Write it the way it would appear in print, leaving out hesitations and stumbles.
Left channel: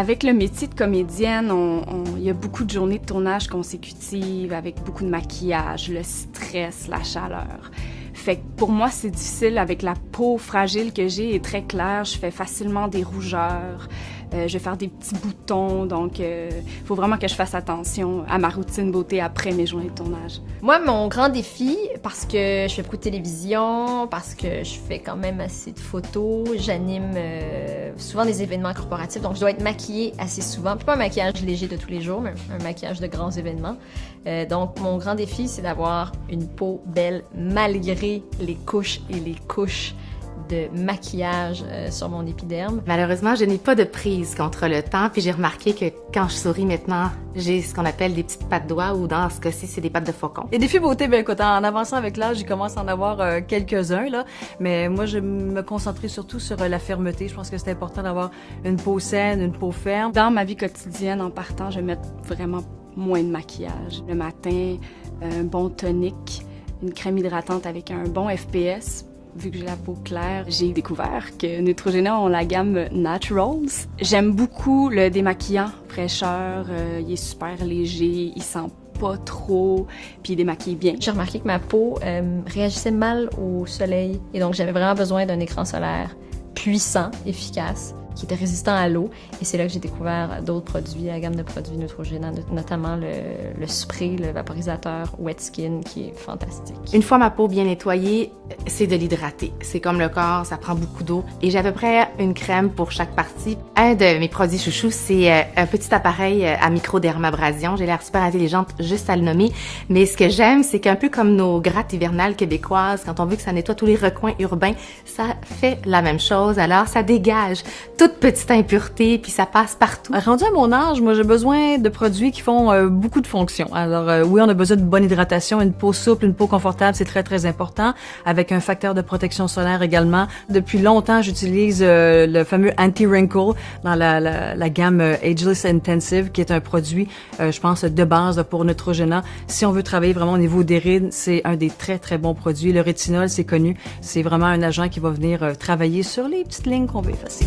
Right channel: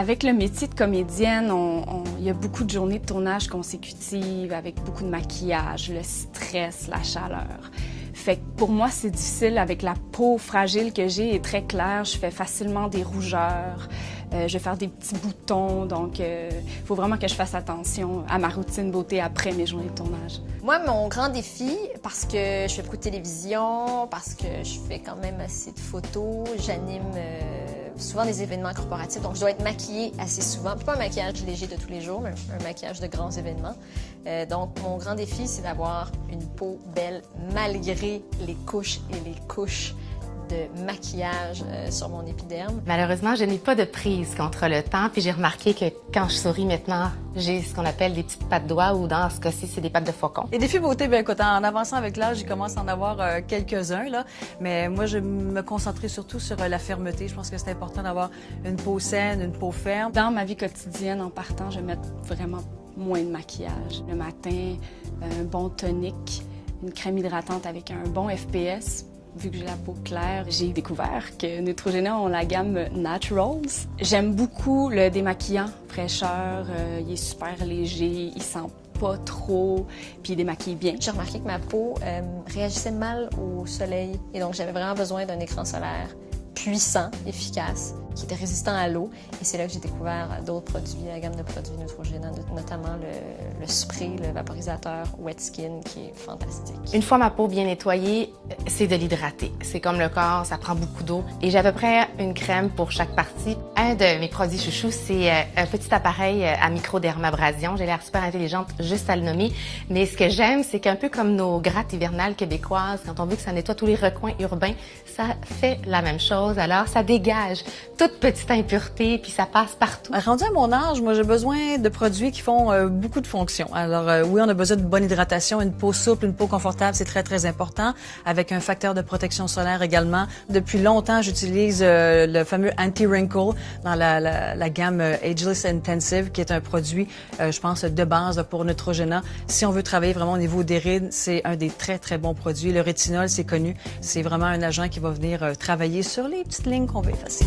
Avec le métier de comédienne, il y a beaucoup de journées de tournage consécutives avec beaucoup de maquillage, le stress, la chaleur. Fait que pour moi, c'est difficile avec la peau fragile que j'ai et très claire. Je fais facilement des rougeurs, je vais faire des petits boutons, donc il faut vraiment que je fasse attention à ma routine beauté après mes journées de tournage. Moi, mon grand défi, parce que je fais beaucoup de télévision, parce que je fais quand même assez de photos, j'anime souvent des événements corporatifs, donc je dois être maquillée assez souvent. Puis pas un maquillage léger de tous les jours, mais un maquillage de grands événements. Donc mon grand défi, c'est d'avoir une peau belle malgré les couches et les couches de maquillage sur mon épiderme. Malheureusement, je n'ai pas de prise contre le temps, puis j'ai remarqué que quand je souris maintenant, j'ai ce qu'on appelle des petites pattes doigts, ou dans ce cas-ci, c'est des pattes de faucon. Les défis beauté, bien écoute, en avançant avec l'âge, j'ai commencé à en avoir quelques-uns, là, mais moi, je me concentrais surtout sur la fermeté. Je pense que c'est important d'avoir une peau saine, une peau ferme. Dans ma vie quotidienne, en partant, je vais mettre vraiment moins de maquillage. Le matin, un bon tonique, une crème hydratante avec un bon FPS. Vu que j'ai la peau claire, j'ai découvert que Neutrogena ont la gamme Naturals. J'aime beaucoup le démaquillant fraîcheur, il est super léger, il sent pas trop, puis il démaquille bien. J'ai remarqué que ma peau réagissait mal au soleil et donc j'avais vraiment besoin d'un écran solaire puissant, efficace, qui était résistant à l'eau. Et c'est là que j'ai découvert d'autres produits, la gamme de produits Neutrogena, notamment le spray, le vaporisateur Wet Skin, qui est fantastique. Une fois ma peau bien nettoyée, c'est de l'hydrater. C'est comme le corps, ça prend beaucoup d'eau. Et j'ai à peu près une crème pour chaque partie. Un de mes produits chouchous, c'est un petit appareil à microdermabrasion. J'ai l'air super intelligente juste à le nommer. Mais ce que j'aime, c'est qu'un peu comme nos grattes hivernales québécoises, quand on veut que ça nettoie tous les recoins urbains, ça fait la même chose. Alors, ça dégage toute petite impureté, puis ça passe partout. Rendu à mon âge, moi, j'ai besoin de produits qui font beaucoup de fonctions. Alors, oui, on a besoin de bonne hydratation, une peau souple, une peau confortable, c'est très, très important, avec un facteur de protection solaire également. Depuis longtemps, j'utilise le fameux Anti-Wrinkle dans la gamme Ageless Intensive, qui est un produit, je pense, de base pour Neutrogena. Si on veut travailler vraiment au niveau des rides, c'est un des très, très bons produits. Le rétinol, c'est connu, c'est vraiment un agent qui va venir travailler sur les petites lignes qu'on veut effacer.